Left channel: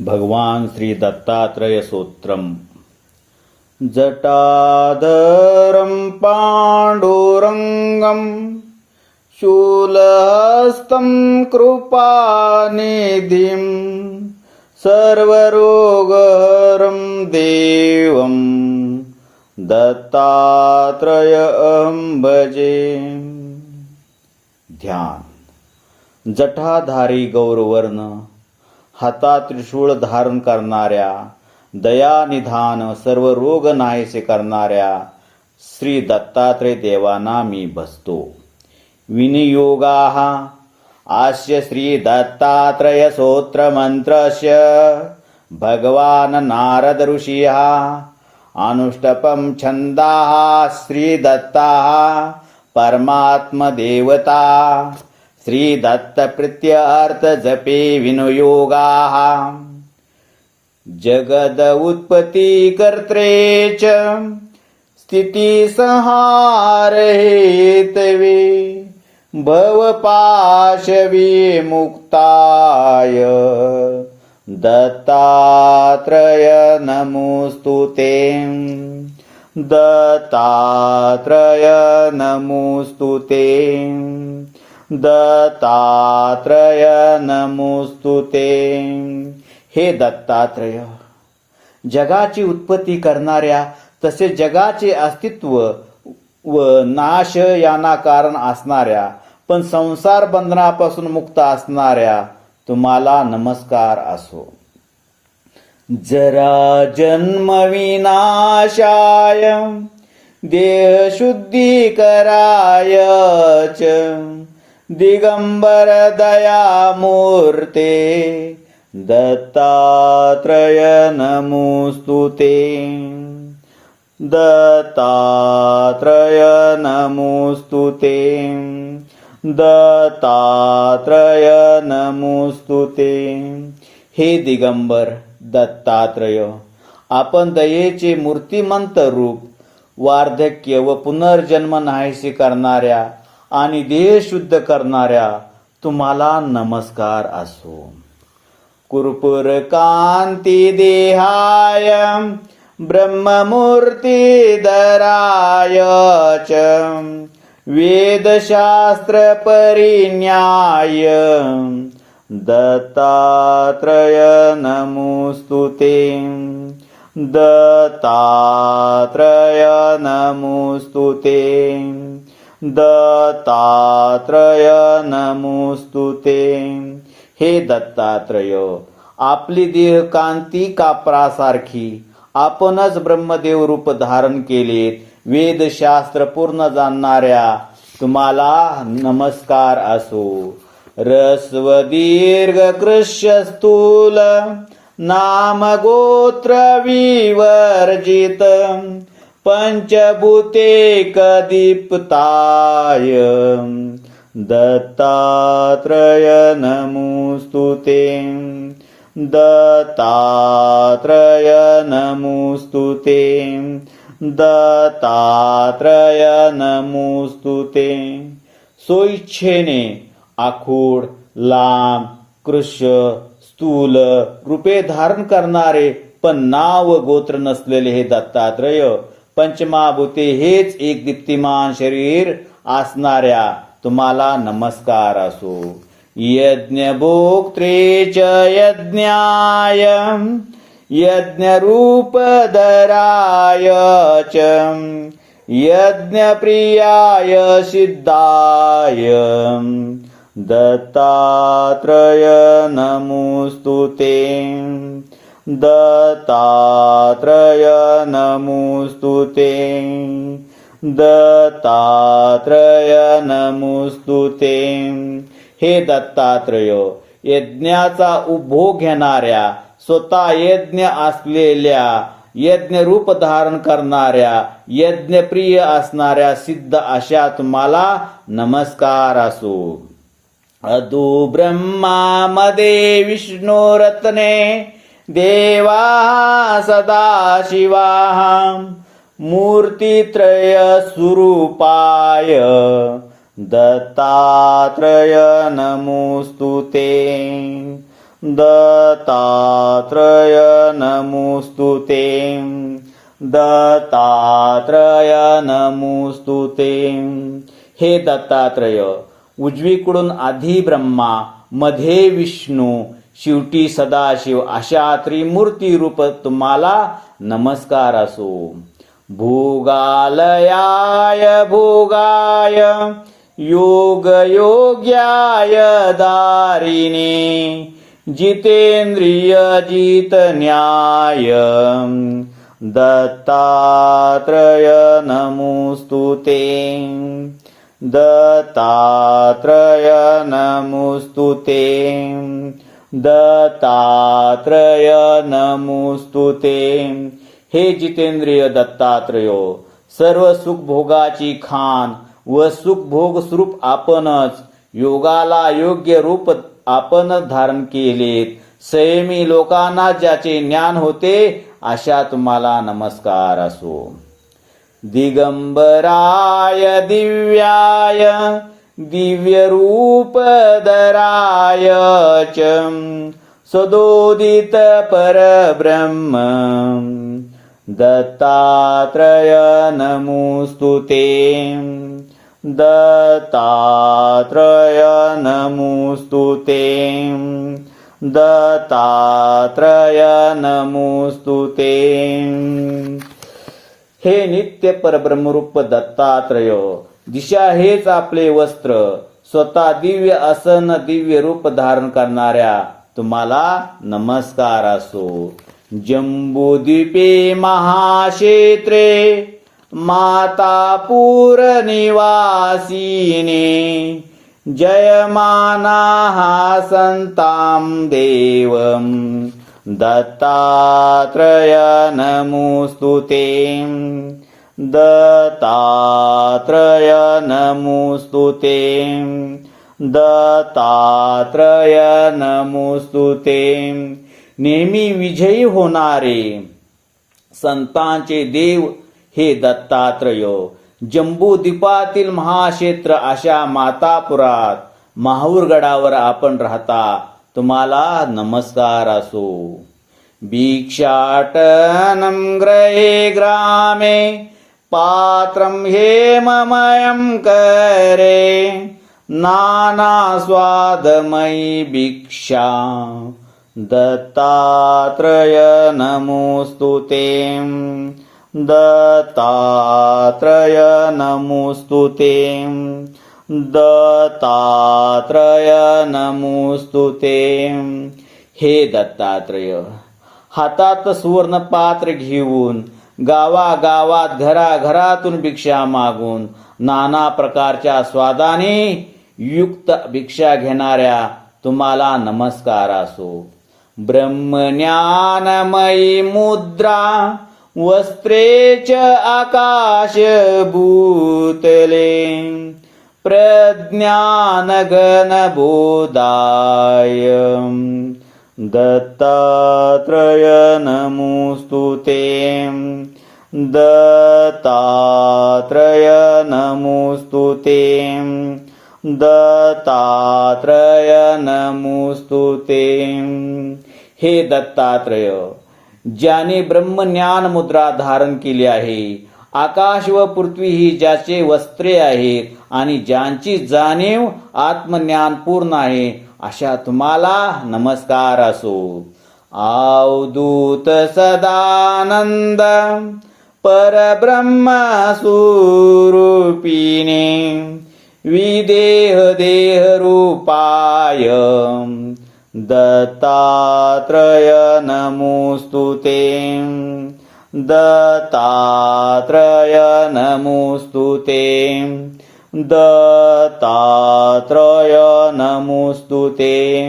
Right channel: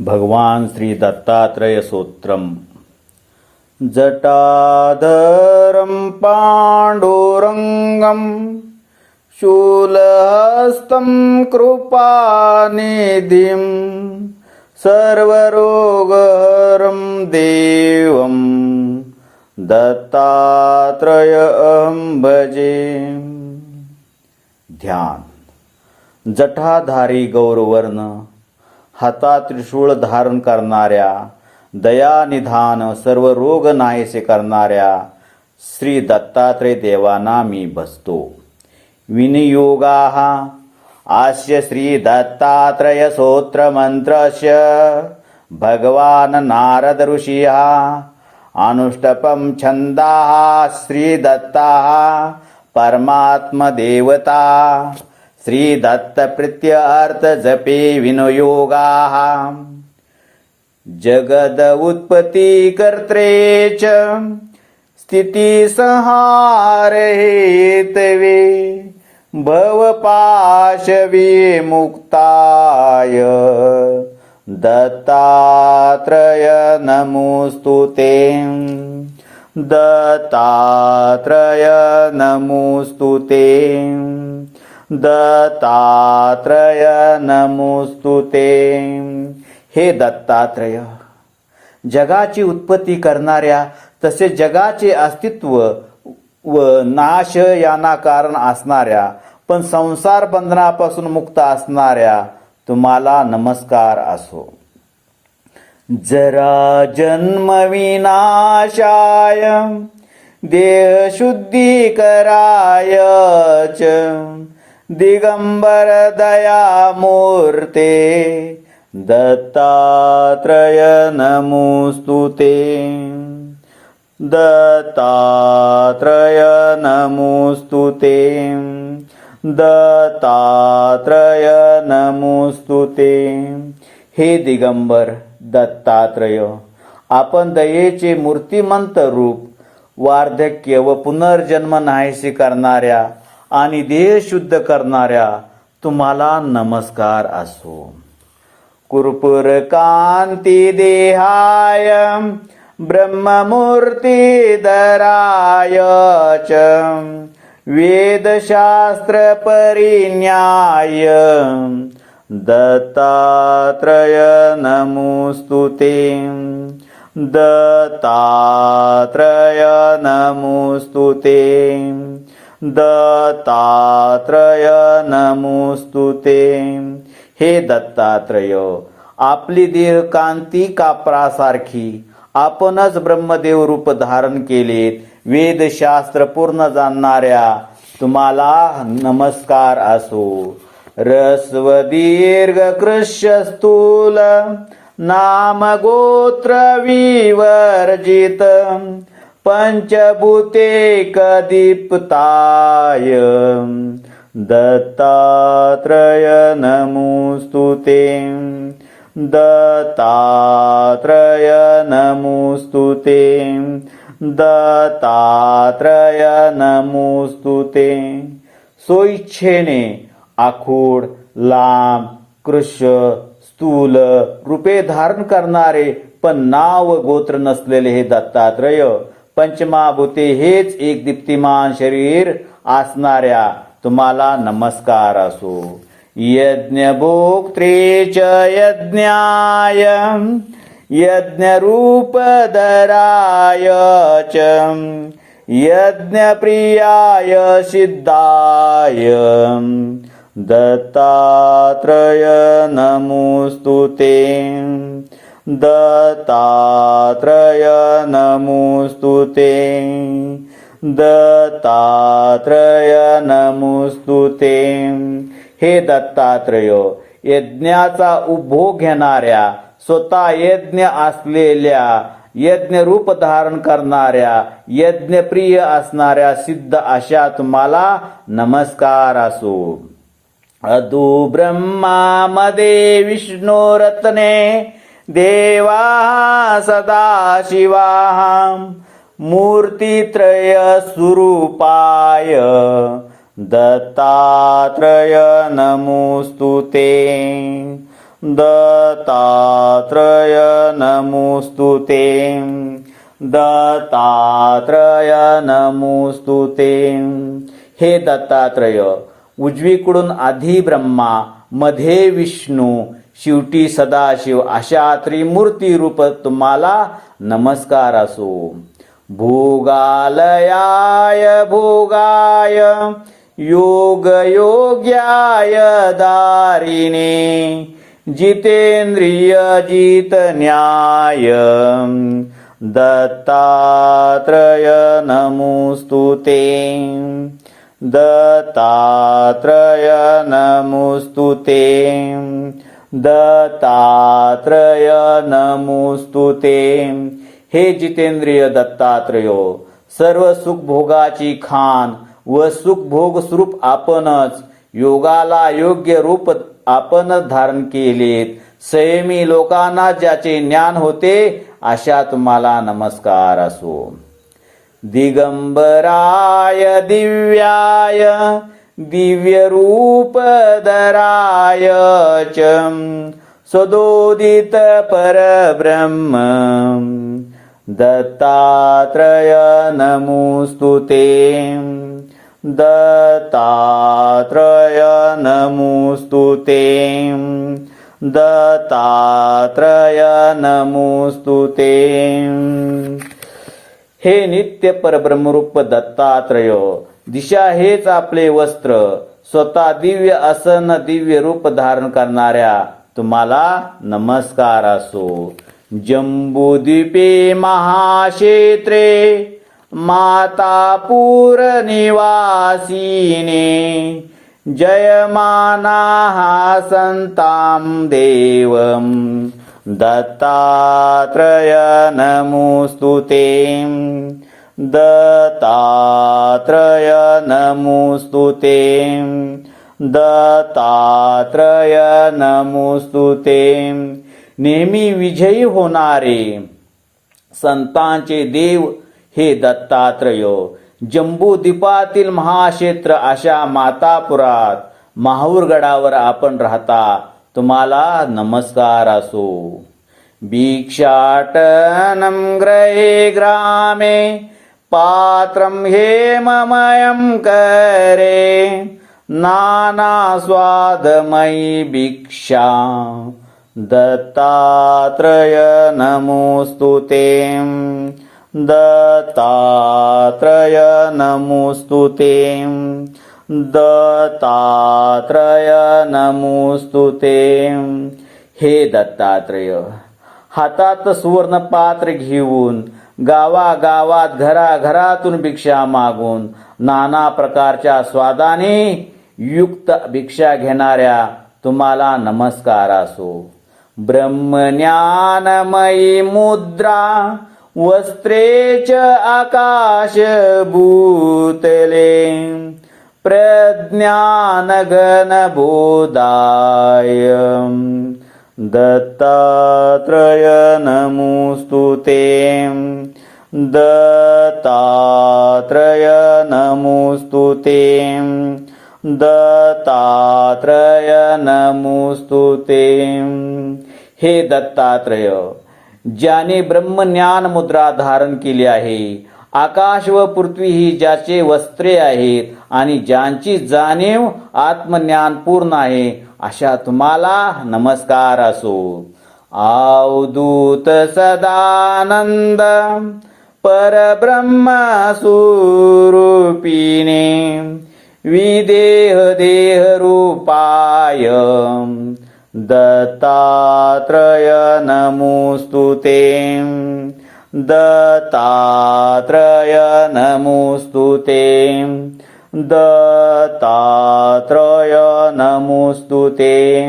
भगवान श्री दत्तात्रय सूत्रम। जटाधरं पाण्डुरङ्गं शूलहस्तं कृपानिधिं सर्वरोगहरं देवं दत्तात्रय अहं भजे। ध्यान। जटाधारी गौरवर्ण हाता त्रिशूळ धारण करणाऱ्या दयानिधान सर्व रोग नाहीसे करणाऱ्या श्री दत्तात्रय देवाना मी बसतो. विनियोगाः आस्य श्री दत्तात्रय सोत्र मंत्रस्य भगवान नारद ऋषिः अनुष्टपं छन्दाः श्रीदत्ताः परमात्मदेवता। श्रीदत्तप्रीत्यर्थ जपे विनियोगाः। जगद उत्पत्ती कर्त्रे च स्थितिसंहारे हेतवे भवपाशविमुक्ताय दत्तात्रय नमोऽस्तु ते। दत्तात्रय नमोऽस्तु ते। दत्तात्रय नमोऽस्तु ते। हे दत्तात्रय जगाची उत्पत्ती करणाऱ्या तसे जगाचे अस्तित्व व नाश यांना कारण असणाऱ्या पण संसार बंधनापासून मुक्त असणाऱ्या तुम्हाला नमस्कार असो. जरा जन्म विनाशाय च दिगंबर दयामूर्ते दत्तात्रय नमोऽस्तु ते दत्तात्रय नमोऽस्तु ते दत्तात्रय नमोऽस्तु ते हे दिगंबर दत्तात्रय आपण दयेचे मूर्तिमंत रूप वार्धक्य व पुनर्जन्म नाहीशी करणाऱ्या आणि देह शुद्ध करणाऱ्या तुम्हाला नमस्कार असो. कुरपुर कांती देहाय ब्रह्ममूर्ती दराय च वेदशास्त्र परिज्ञाय दत्तात्रय नमोऽस्तु ते दत्तात्रय नमोऽस्तु ते। दत्तात्रय नमोऽस्तु ते। हे दत्तात्रय आपली दीर्घकांती कापरासारखी आपणच ब्रह्मदेव रूप धारण केलेत वेदशास्त्र पूर्ण जाणणाऱ्या तुम्हाला नमस्कार असो. रस्व दीर्घ कृष्य स्थूल नाम गोत्र विवर्जित पंचभूते कदीप्ताय। दत्तात्रय नमोऽस्तु ते। दत्तात्रय नमोऽस्तु ते। दत्तात्रय नमोऽस्तु ते। सोइच्छेने आखूड लांब कृष्य स्थूल रूपे धारण करणारे पण नाव गोत्र नसलेले हे दत्तात्रय पंचमाभूते हेच एक दीप्तिमान शरीर असणाऱ्या तुम्हाला नमस्कार असो. यज्ञभोक्त्रे च यज्ञाय यज्ञरूपधराय च यज्ञप्रियाय सिद्धाय दत्तात्रय नमोऽस्तु ते। दत्तात्रय नमोऽस्तु ते। दत्तात्रय नमोऽस्तु ते। हे दत्तात्रय यज्ञाचा उपभोग घेणाऱ्या स्वतः यज्ञ असलेल्या यज्ञ रूप धारण करणाऱ्या यज्ञप्रिय असणाऱ्या सिद्ध अशा तुम्हाला नमस्कार असो. अदु ब्रह्मामध्ये विष्णू रत्ने देवा सदा शिवा मूर्तित्रय स्वरूपाय दत्तात्रय नमोऽस्तु ते। दत्तात्रय नमोऽस्तु ते। दत्तात्रय नमोऽस्तु ते। हे दत्तात्रय उजवीकडून आधी ब्रह्मा मध्ये विष्णू शेवटी सदाशिव अशा त्रिमूर्ती रूप तुम्हाला नमस्कार असो. भोगालयाय भोगाय योगयोग्याय दारिणे जितेंद्रिय जित न्याय दत्तात्रय नमोस्तुते दत्तात्रय नमोऽस्तु ते। दत्तात्रय नमुस्तु ते। हे जितेंद्रिय दत्तात्रय सर्व सुखभोगाची खान व सुखभोग स्वरूप आपणच योगाला योग्य रूप आपण धारण केलेत. संयमी लोकांना ज्याचे ज्ञान होते अशा तुम्हाला नमस्कार असो. दिगंबराय दिव्याय दिव्यरूपधराय च सदोदित परब्रह्म दत्तात्रय नमोऽस्तु ते। दत्तात्रय नमोऽस्तु ते। दत्तात्रय नमोऽस्तु ते। हे नित्य परब्रह्मरूप दत्तात्रय दिशा हेच आपले वस्त्र. स्वतः दिव्य असन दिव्य रूप धारण करणाऱ्या तुम्हाला नमस्कार असो. जम्बुद्वीपे महाक्षेत्रे मातापूरनिवासिने जयमानाः सन्तां देवम् दत्तात्रय नमोऽस्तु ते। दत्तात्रय नमोऽस्तु ते। दत्तात्रय नमोऽस्तु ते। नेहमी विजयी होणारे संतांचे देव हे दत्तात्रय. जम्बूद्वीपातील महाक्षेत्र अशा मातापुरात माहूरगडावर आपण राहता. तुम्हाला नमस्कार असो. भिक्षाटनं ग्रहे ग्रामे पात्रं हेममयं करे। नानास्वादमयी भिक्षा। दत्तात्रय नमोऽस्तु ते। दत्तात्रय नमोऽस्तु ते। दत्तात्रय नमोऽस्तु ते। हे दत्तात्रय हातात सुवर्ण पात्र घेऊन गावागावात घराघरातून भिक्षा मागून नाना प्रकारच्या स्वादाने युक्त भिक्षा घेणाऱ्या तुम्हाला नमस्कार असो. ब्रह्मज्ञानमयी मुद्रा वस्त्रे च आकाश भूतले प्रज्ञानगणबोधाय दत्तात्रय नमोऽस्तु ते। दत्तात्रय नमोऽस्तु ते। दत्तात्रय नमोऽस्तु ते। हे दत्तात्रय ज्याने ब्रह्मज्ञान मुद्रा धारण केली आहे आकाश व पृथ्वी ही ज्याचे वस्त्रे आहेत आणि ज्यांची जाणीव आत्मज्ञान पूर्ण आहे अशा तुम्हाला नमस्कार असो. आवदूत सदानंद परब्रह्म स्वरूपिणे विदेह देह रूपाय दत्तात्रय नमोस्तुते. दत्तात्रय नमोऽस्तु ते। दत्तात्रय नमोऽस्तु ते।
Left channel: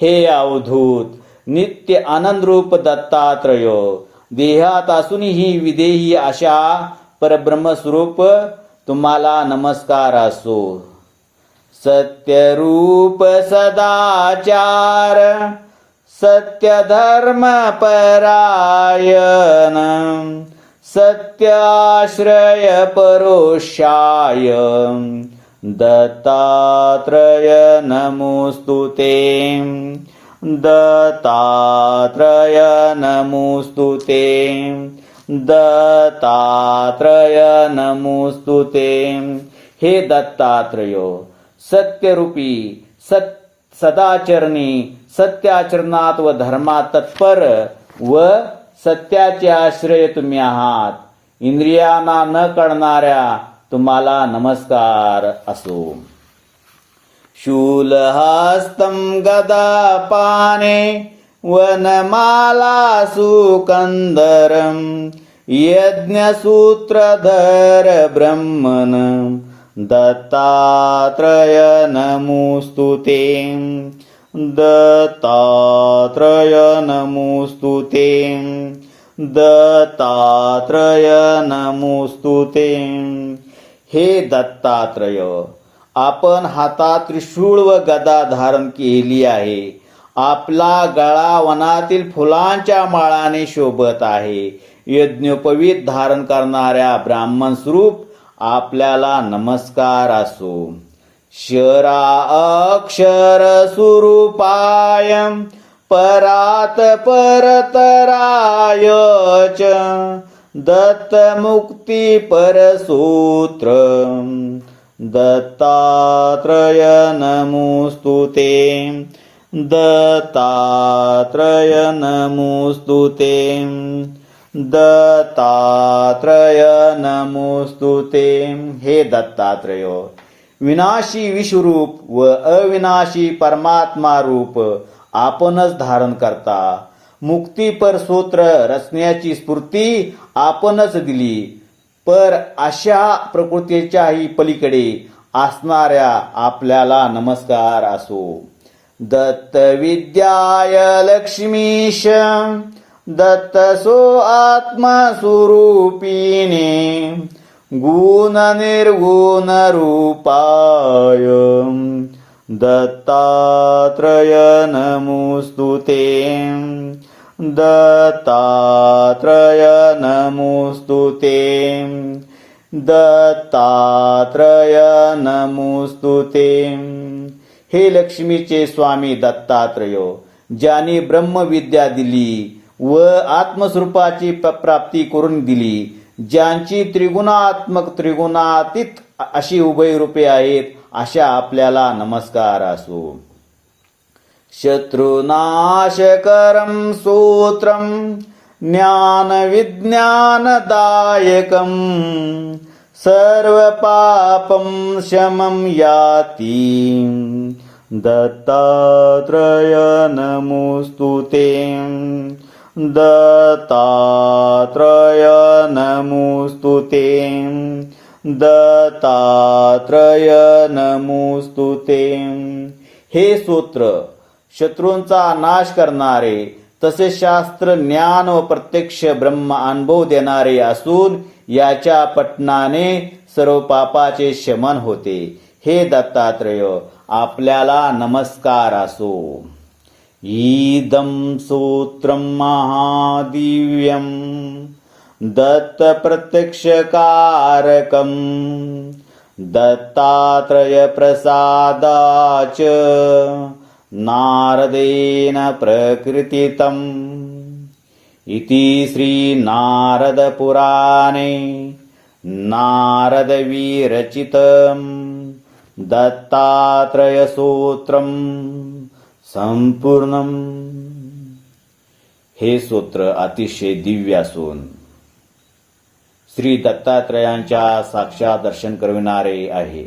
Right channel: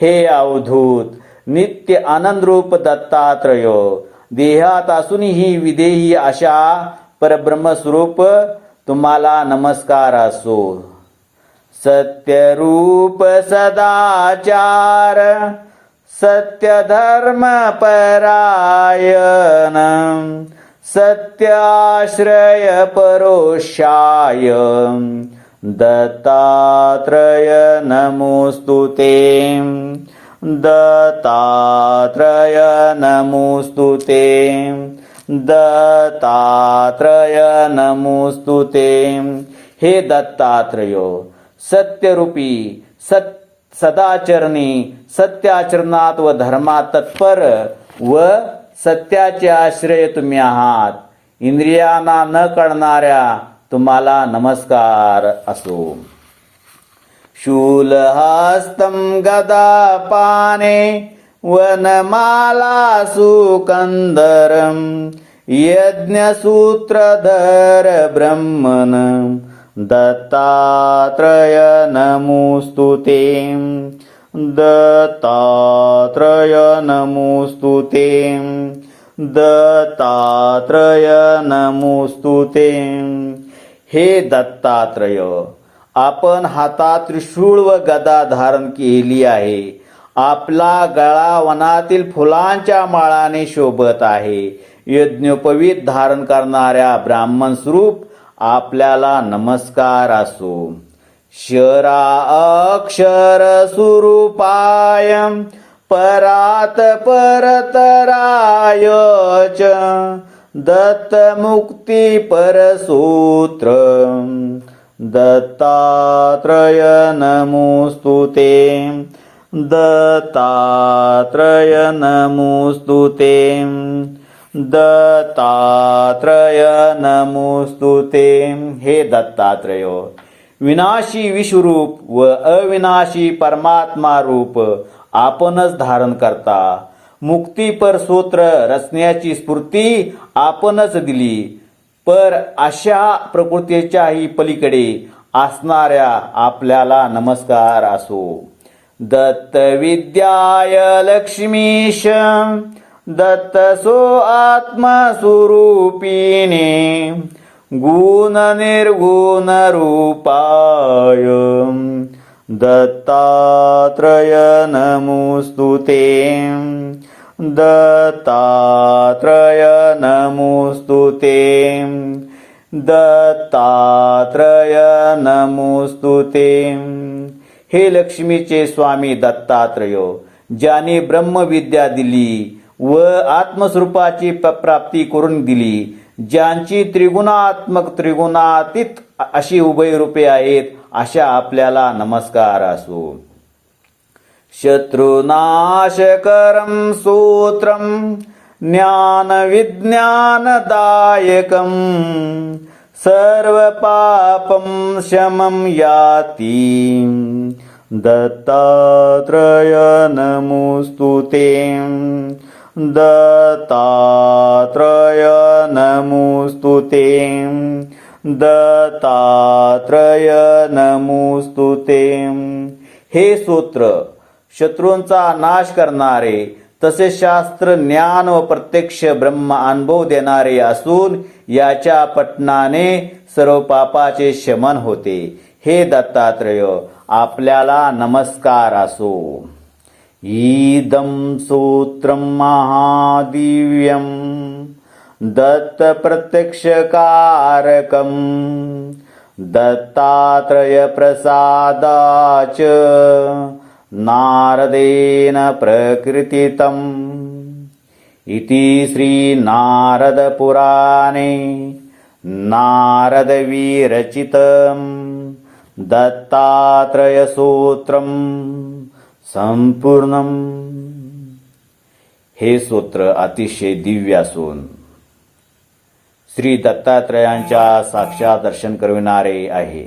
हे अवधूत नित्य आनंदरूप दत्तात्रय देहात असूनही विदेही अशा परब्रह्मस्वरूप तुम्हाला नमस्कार असो। सत्यरूप सदाचार सत्यधर्म परायण सत्याश्रय परोषाय दत्तात्रय नमोऽस्तु ते दत्तात्रय नमोऽस्तु ते दत्तात्रय नमोऽस्तु ते हे दत्तात्रय सत्यरूपी सत्य सदाचरणी सत्याचरणात व धर्मात तत्पर व सत्याचे आश्रय तुम्ही आहात. इंद्रियांना न कळणाऱ्या तुम्हाला नमस्कार असो. शूलहस्तं गदापाने वनमाला सुकन्दरम् यज्ञसूत्रधर ब्रह्मन् दत्तात्रय नमोऽस्तु ते दत्तात्रय नमोऽस्तु ते दत्तात्रय नमोऽस्तु ते हे दत्तात्रय आपण हातात त्रिशूळ व गदा धारण केली आहे. आपला गळा वनातील फुलांच्या माळाने शोभत आहे. यज्ञोपवीत धारण करणाऱ्या ब्राह्मण स्वरूप आपल्याला नमस्कार असो. शरा अक्षर परात् परात परतराय च दत्तमुक्ती परसूत्र दत्तात्रय नमोऽस्तु ते दत्तात्रय नमोऽस्तु ते दत्तात्रय नमोऽस्तु ते। हे दत्तात्रय विनाशी विश्वरूप व अविनाशी परमात्मा रूप आपणच धारण करता. मुक्तीपर सूत्र रचण्याची स्फूर्ती आपणच दिली. पर अशा प्रकृतीच्याही पलीकडे असणाऱ्या आपल्याला नमस्कार असो. दत्त विद्याय लक्ष्मीश दत्त सो आत्मस्वरूपिणी. गुण निर्गुण रूपाय दत्तात्रय नमोऽस्तु ते। दत्तात्रय नमोऽस्तु ते। दत्तात्रय नमोऽस्तु ते। हे लक्ष्मीचे स्वामी दत्तात्रय ज्याने ब्रह्मविद्या दिली व आत्मस्वरूपाची प- प्राप्ती करून दिली ज्यांची त्रिगुणात्मक त्रिगुणातीत अशी उभय रूपे आहेत अशा आपल्याला नमस्कार असो. शत्रुनाशकरं सूत्रं ज्ञानविज्ञानदायकं सर्वपापं शमं याति दत्तात्रय नमोऽस्तु ते दत्तात्रय नमोऽस्तु ते। दत्तात्रय नमोऽस्तु ते। हे सूत्र शत्रूंचा नाश करणारे तसे शास्त्र ज्ञान व प्रत्यक्ष ब्रह्म अनुभव देणारे असून याच्या पठणाने सर्व पापाचे शमन होते. हे दत्तात्रय आपल्याला नमस्कार असो. ईदं सूत्रं महादिव्यं दत्तप्रत्यक्षकारकम् दत्तात्रयप्रसादाच नारदेन प्रकृतितम् इति श्रीनारदपुराणे नारदविरचितम् दत्तात्रयसूत्रम् संपूर्णम। हे सूत्र अतिशय दिव्य असून श्री दत्तात्रयांच्या साक्षात दर्शन करविणारे आहे.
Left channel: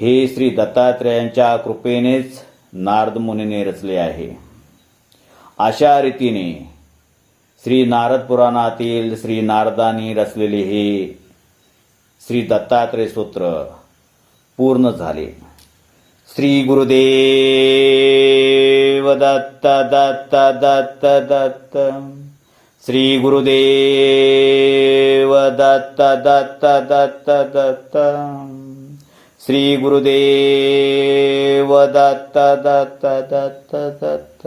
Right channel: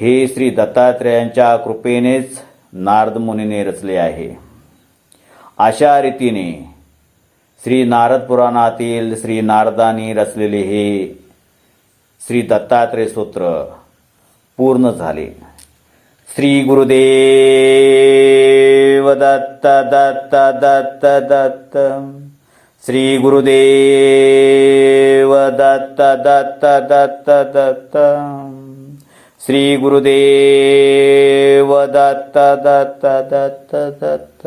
हे श्री दत्तात्रयांच्या कृपेनेच नारद मुनीने रचले आहे. अशा रीतीने श्री नारद पुराणातील श्री नारदानी रचलेले हे श्री दत्तात्रय सूत्र पूर्ण झाले. श्री गुरुदेव दत्त दत्त दत्त दत्त श्री गुरुदेव दत्त दत्त दत्त दत्त श्री गुरुदेव दत्त दत्त दत्त दत्त